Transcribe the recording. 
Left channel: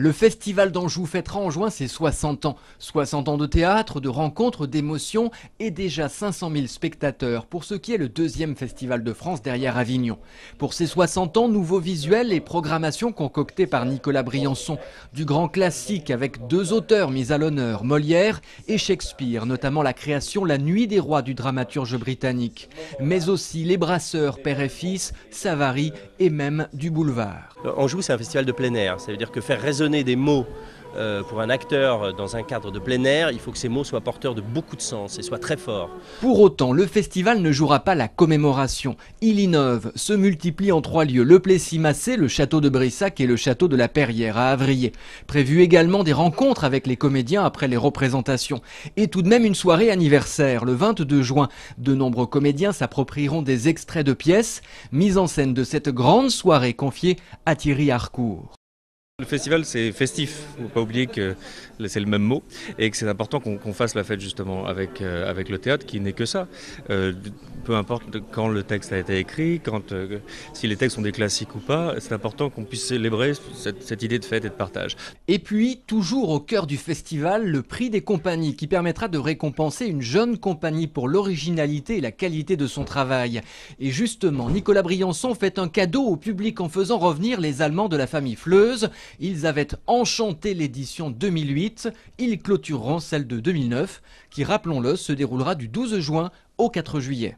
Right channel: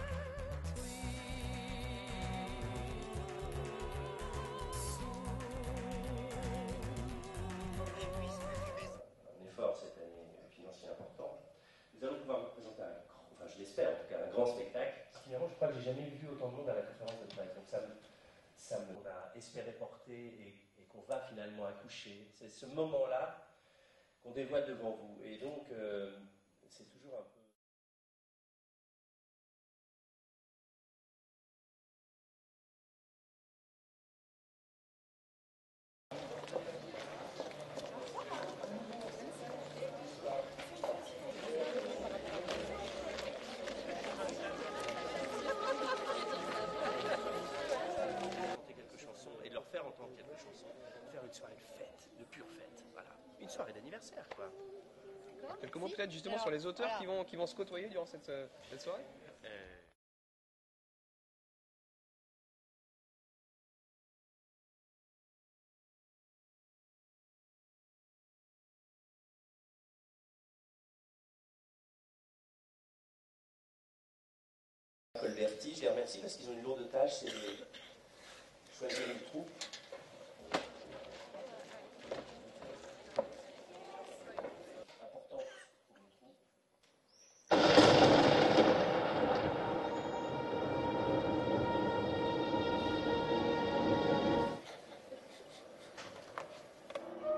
Le Festival d'Anjou fêtera en juin ses 60 ans. 60 ans de théâtre, de rencontres, d'émotions et déjà 500 000 spectateurs pour ce qui est le deuxième festival de France derrière Avignon. Pour ses 60 ans, nouveaux visuels et programmations concoctées par Nicolas Briançon. Du grand classique avec deux auteurs mis à l'honneur, Molière et Shakespeare, notamment la création La Nuit des Rois du dramaturge britannique. Mais aussi Les Brasseurs, père et fils, Savary et même du boulevard. Anjou, c'est un festival de plein air. Ça veut dire que faire résonner des mots pour un acteur dans un cadre de plein air, il faut que ces mots soient porteurs de beaucoup de sens et soient très forts. Pour autant, le festival ne jouera pas la commémoration. Il innove, se multiplie en 3 lieux, le Plessis-Massé, le château de Brissac et le château de la Perrière à Avrier. Prévu également des rencontres avec les comédiens après les représentations. Et tout de même une soirée anniversaire, le 22 juin. De nombreux comédiens s'approprieront des extraits de pièces, mise en scène de cette grande soirée confiée à Thierry Harcourt. Le festival, c'est festif, il ne faut pas oublier que c'est le même mot et que c'est important qu'on fasse la fête justement avec le théâtre qui n'est que ça. Peu importe quand le texte a été écrit, si les textes sont des classiques ou pas, c'est important qu'on puisse célébrer cette idée de fête et de partage. Et puis, toujours au cœur du festival, le prix des compagnies qui permettra de récompenser une jeune compagnie pour l'originalité et la qualité de son travail. Et justement, Nicolas Briançon fait un cadeau au public en faisant revenir les Allemands de la famille Fleuze. Ils avaient enchanté l'édition 2008, ils clôtureront celle de 2009 qui, rappelons-le, se déroulera du 12 juin au 4 juillet.